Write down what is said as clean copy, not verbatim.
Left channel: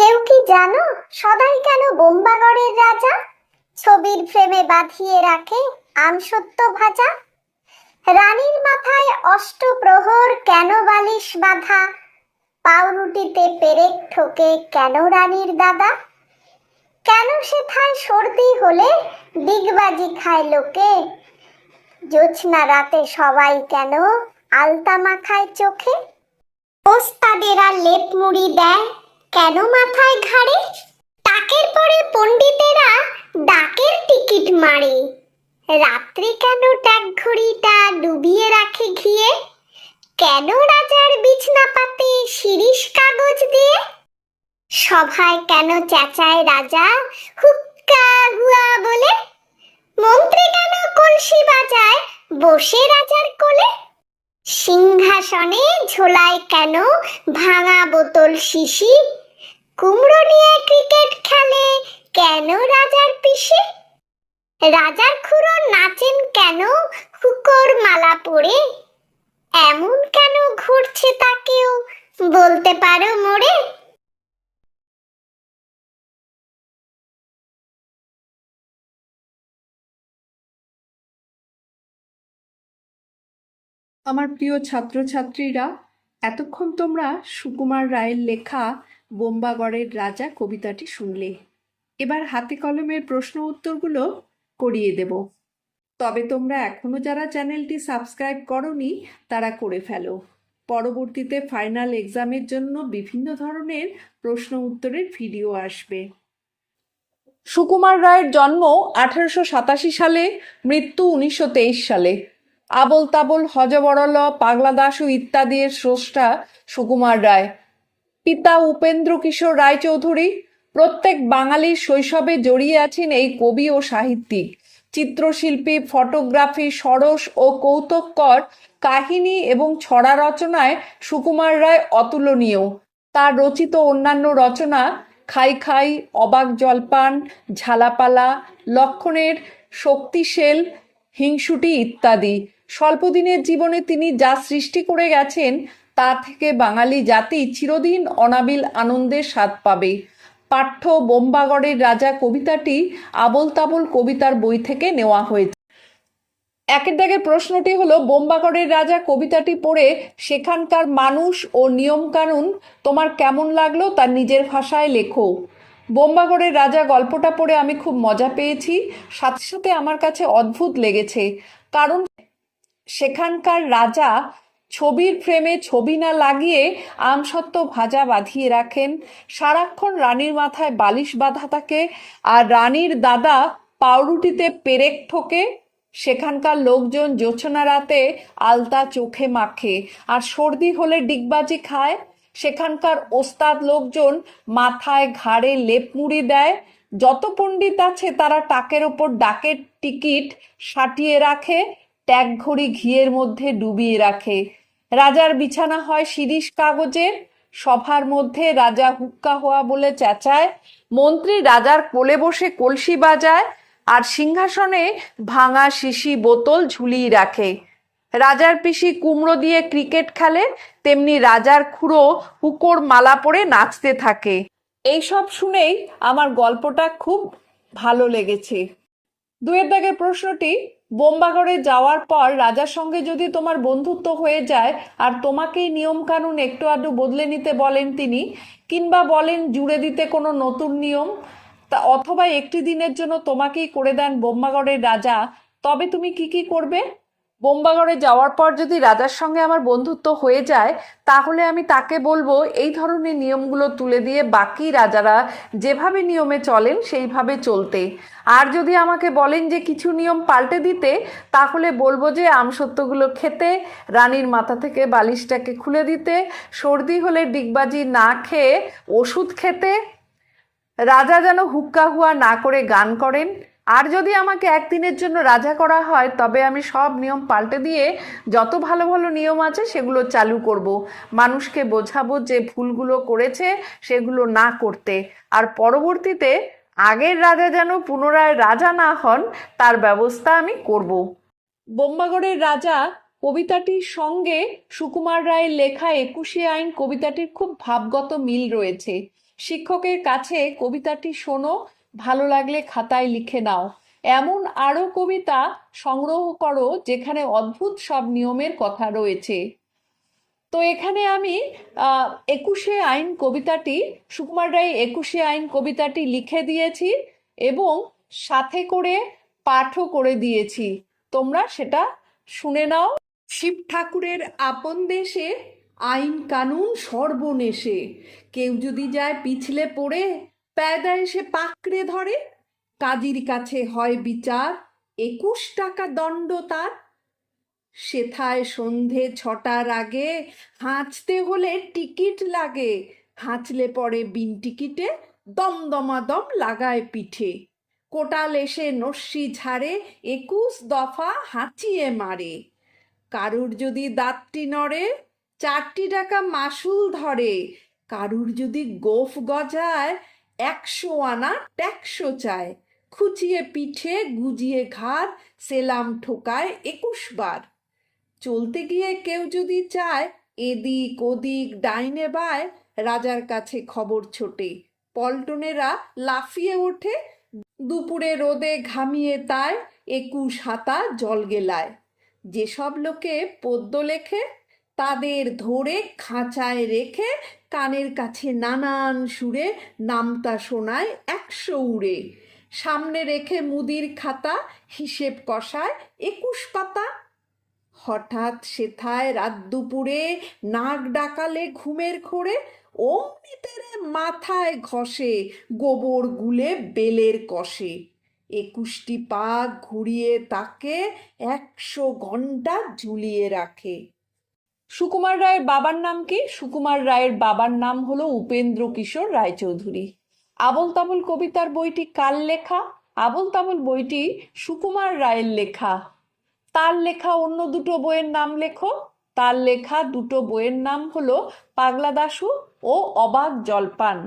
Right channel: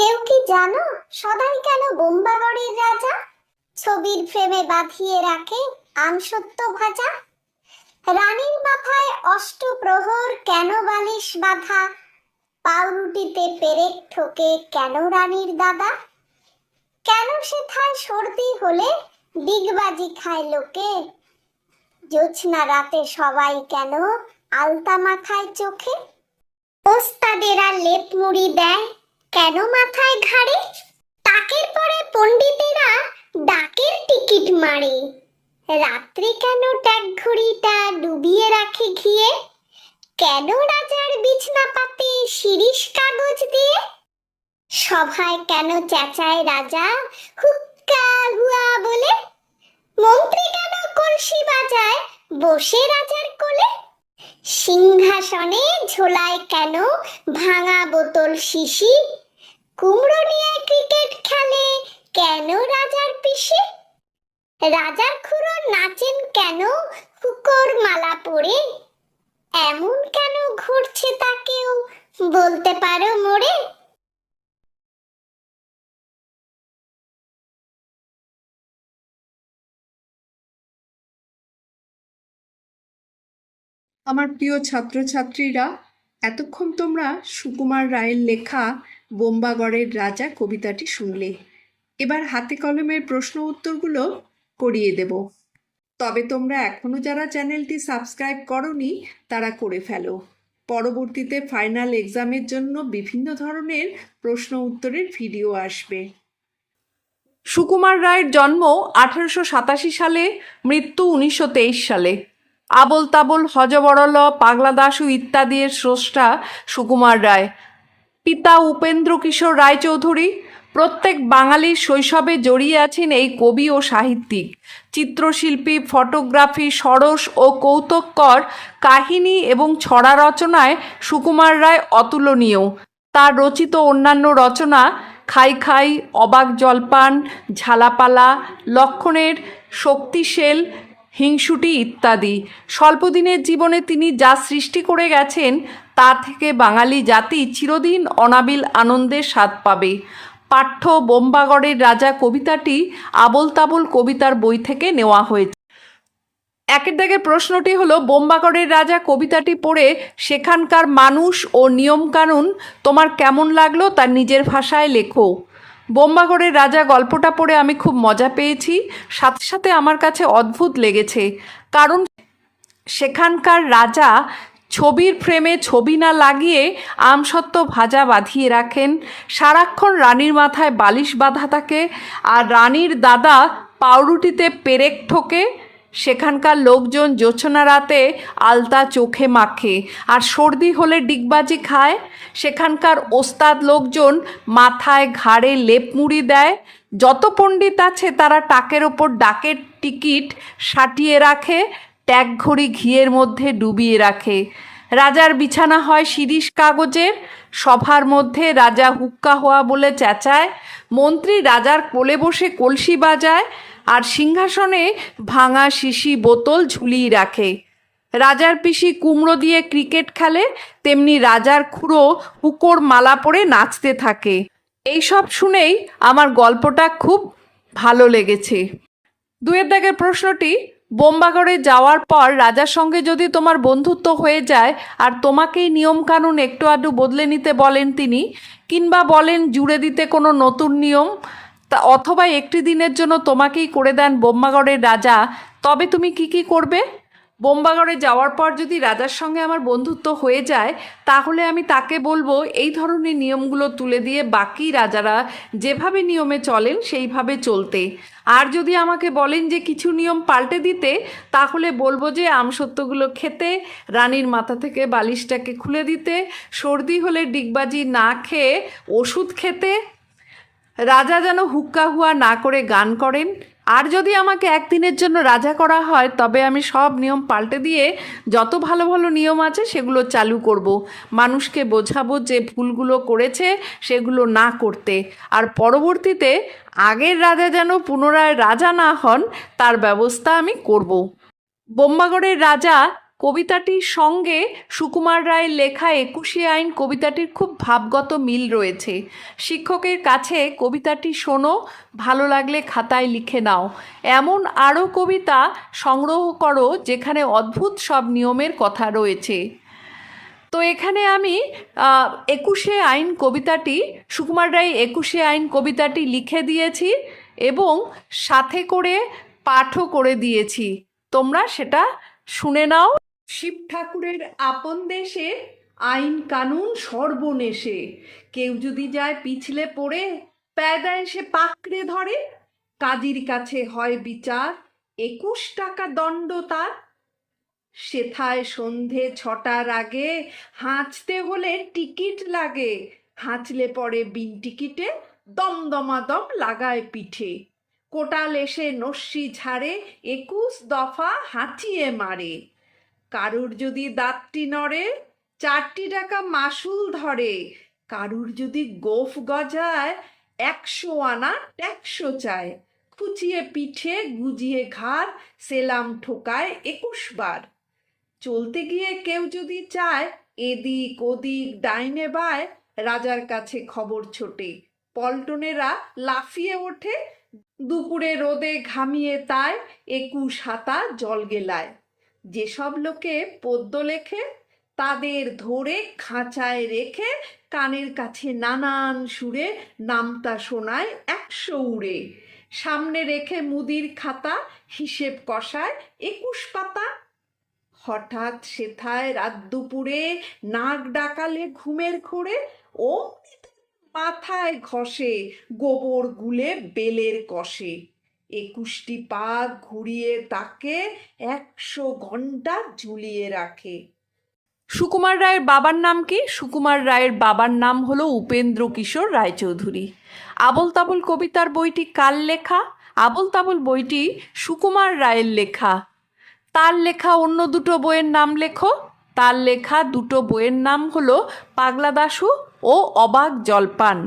কেউ কি জানো সদাই কেন বোম্বাগড়ের রাজা ছবির ফ্রেমে বাঁধিয়ে রাখে আমসত্ত্ব ভাজা? রানীর মাথায় অষ্টপ্রহর কেন বালিশ বাঁধা? পাউরুটিতে পেরেক ঠোকে কেন রানীর দাদা? কেন সেথায় সর্দি হলে ডিগবাজি খায় লোকে? জোছনা রাতে সবাই কেন আলতা মাখায় চোখে? ওস্তাদেরা লেপ মুড়ি দেয় কেন মাথায় ঘাড়ে? তাকের পরে পণ্ডিতেরা ডাকের টিকিট মারে। রাত্রি কেন ট্যাগ ঘড়িটা ডুবিয়ে রাখে ঘিয়ে? কেন রাজার বিছনা পাতে শিরিষ কাগজ দিয়ে? সভায় কেন চেঁচায় রাজা হুক্কা হুয়া বলে? মন্ত্রী কেন কলসি বাজায় বসে রাজার কোলে? সিংহাসনে ঝোলায় কেন ভাঙা বোতল শিশি? কুমড়ো নিয়ে ক্রিকেট খেলে কেন রাজার পিসি? রাজার খুড়ো নাচেন কেন হুকোর মালা পরে? এমন কেন ঘুরছে তাকেও বলতে পারো মোড়ে? আমার প্রিয় ছাত্রছাত্রীরা, এতক্ষণ তোমরা সুকুমার রায়ের লেখা বোম্বাগড়ের রাজা কবিতাটি শুনলে। এবার হাতে কলমের প্রশ্ন উত্তরগুলো করিয়ে দেব। তবে তোমরা এখনও যারা চ্যানেলটি সাবস্ক্রাইব করনি তারা করে ফেলো। পরবর্তীতে ফাইনাল এক্সামের জন্য বিভিন্ন ধরনের প্রশ্ন উত্তরের ভিডিও আসবে। সুকুমার রায়ের জন্ম 1887 সালে, মৃত্যু 1923 সালে। আবোল তাবোল, হযবরল, পাগলা দাশু ইত্যাদির স্রষ্টা সুকুমার রায়। পিতা উপেন্দ্র কিশোর রায়চৌধুরী। প্রত্যেক বাঙালির শৈশবে জড়িয়ে আছেন এই কবি ও সাহিত্যিক। চিত্রশিল্পী, ফটোগ্রাফি, সরস ও কৌতুককর কাহিনী এবং ছড়া রচনায় সুকুমার রায় অতুলনীয়। তার রচিত অন্যান্য রচনা খাই খাই, অবাক জলপান, ঝালাপালা, লক্ষণের শক্তিশেল, হিংসুটি ইত্যাদি। স্বল্পদিনের জীবনে তিনি যা সৃষ্টি করে গেছেন তা থেকে বাঙালি জাতি চিরদিন অনাবিল আনন্দের স্বাদ পাবে। পাঠ্য বোম্বাগড়ের রাজা কবিতাটি আবোল তাবোল কবিতার বই থেকে নেওয়া হয়েছে। একের দাগে প্রশ্নটি হলো, বোম্বাগড়ের রাজা কবিতাটি পড়ে সেখানকার মানুষ ও নিয়মকানুন তোমার কেমন লাগলো তা নিজের ভাষায় লেখো। বোম্বাগড়ের রাজা গল্পটা পড়ে আমি খুব মজা পেয়েছি, সাথে সাথে আমার কাছে অদ্ভুত লেগেছে। কারণ সেখানকার রাজা ছবির ফ্রেমে ছবি না লাগিয়ে আমসত্ত্ব ভাজা বাঁধিয়ে রাখেন। সারাক্ষণ রানীর মাথায় বালিশ বাঁধা থাকে, আর রানীর দাদা পাউরুটিতে পেরেক ঠোকে। সেখানকার লোকজন জোছনা রাতে আলতা চোখে মাখে, আর সর্দি হলে ডিগবাজি খায়। সেখানকার ওস্তাদ লোকজন মাথায় ঘাড়ে লেপ মুড়ি দেয়। যত পণ্ডিত আছে তারা টাকের ওপর ডাকের টিকিট সাটিয়ে রাখে, ট্যাগ ঘড়ি ঘিয়ের মধ্যে ডুবিয়ে রাখে। রাজার বিছানা হয় শিরিষ কাগজের। সভার মধ্যে রাজা হুক্কা হওয়া বলে চেঁচায়। মন্ত্রী রাজার কোলে বসে কলসি বাজায়, আর সিংহাসনে ভাঙা শিশি বোতল ঝুলিয়ে রাখে। রাজার পিসি কুমড়ো দিয়ে ক্রিকেট খেলে, তেমনি রাজার খুড়ো হুকোর মালা পরে নাচতে থাকে। এইসব শুনেই আমার গল্পটা খুব ভালো লেগেছে। দুয়ের দাগের প্রশ্নটি, বোম্বাগড়ে যাওয়ার পর রাজার সঙ্গে যদি তোমার বন্ধুত্ব হয়ে যায় আর তোমাকেই নিয়মকানুন একটু আধটু বদলে নিতে বলেন তিনি, কিংবা বলেন জুড়ে দিতে কোনো নতুন নিয়ম, তা অথবা একটি দিনের জন্য তোমাকেই করে দেন বোম্বাগড়ের রাজা, তবে তুমি কি করবে? বোম্বাগড়ে যাওয়ার পর যদি রাজার সঙ্গে আমার বন্ধুত্ব হয়ে যায়, তাহলে আমি তাকে বলবো এই ধরনের নিয়মগুলো তুলে দিয়ে বাকি রাজারা যেভাবে নিয়মে চলেন সেইভাবে চলতে। আর যদি আমাকে বলেন যে কিছু নিয়ম পাল্টে দিতে, তাহলে বলবো যে আমসত্ত্বগুলো খেতে, রানীর মাথা থেকে বালিশটাকে খুলে দিতে, সর্দি হলে ডিগবাজি না খেয়ে ওষুধ খেতে, রাজা যেন হুক্কা হুয়া না করে গান করেন। আর যদি আমাকে একদিনের জন্য রাজা করা হয়, তবে আমি সব নিয়ম পাল্টে দিয়ে যত ভালো ভালো নিয়ম আছে সেগুলো চালু করব। মানুষকে বোঝাবো যে ভুলগুলো করেছে সেগুলো না করতে, আর পরবর্তীতে আগের রাজা যেন পুনরায় রাজা না হন তার ব্যবস্থা আমি করব। বোম্বাগড়ের রাজা কবিতাটির সঙ্গে সুকুমার রায়ের লেখা ২১শে আইন কবিতাটির খুব ভাবগত মিল রয়েছে। শিক্ষকের কাছে কবিতাটি শোনো, ভালো লাগলে খাতায় লিখে নাও। এমন আরও কবিতা সংগ্রহ করো যেখানে অদ্ভুত সব নিয়মের কথা রয়েছে। তো এখানে আমি ২১শে আইন কবিতাটি, সুকুমার রায় ২১শে আইন কবিতাটি লিখে দিয়েছি এবং সাথে করে পাঠও করে দিয়েছি। তোমরা সেটা শুনে নাও। শিব ঠাকুরের আপন দেশে আইন কানুন সর্বনেশে, কেউ যদি যায় পিছলে পড়ে পেয়দা এসে পাকড়ে ধরে, কাজীর কাছে হয় বিচার ২১ টাকা দণ্ড তার। সেথায় সন্ধে ৬টার আগে হাঁচতে হলে টিকিট লাগে, হাঁচলে পরে বিন টিকিটে দমদমাদম লাগায় পিঠে। কোটাল এসে নস্যি ঝাড়ে ২১ দফা হাঁচিয়ে মারে, কারুর যদি দাঁতটি নড়ে ৪টি টাকা মাসুল ধরে, কারুর যদি গোঁফ গজায় ১০০ আনা ট্যাক্সও চায়, খুচিয়ে পিঠে গুজিয়ে ঘাড় সেলাম ঠোকায় ২১ বার। চলতে গিয়ে কেউ যদি চায় এদিক ওদিক ডাইনে বায়, রাজার কাছে খবর ছোটে, পল্টনেরা লাফিয়ে ওঠে, দুপুরে রোদে ঘামিয়ে তাই ২১ হাতা জল গেলায়। যেসব লোকে পদ্য লেখে তাদের ধরে খাঁচায় রেখে কানের কাছে নানান সুরে নামতা শোনায় ১০০ উড়ে, সামনে রেখে মুদির খাতা হিসেব কষায় ২১ পাতা। হঠাৎ সেথায় রাত দুপুরে নাক ডাকালে ঘুমের ঘোরে, অমনি তেরে মাথায় ঘষে গোবর গুলে বেলের কষে, ২১টি পা ঘুরিয়ে তাকে ১০০ ঘন্টা ঝুলিয়ে রাখে। সুকুমার রায়ের বাবার নাম কি? সুকুমার রায়ের বাবার নাম হলো উপেন্দ্র কিশোর রায়চৌধুরী। আবোল তাবোল কবিতার বইটি কার লেখা? আবোল তাবোল বইটি সুকুমার রায়ের লেখা। তার লেখা অন্য দুটো বইয়ের নাম লেখো। তার লেখা দুটো বইয়ের নাম হলো পাগলা দাশু ও অবাক জলপান।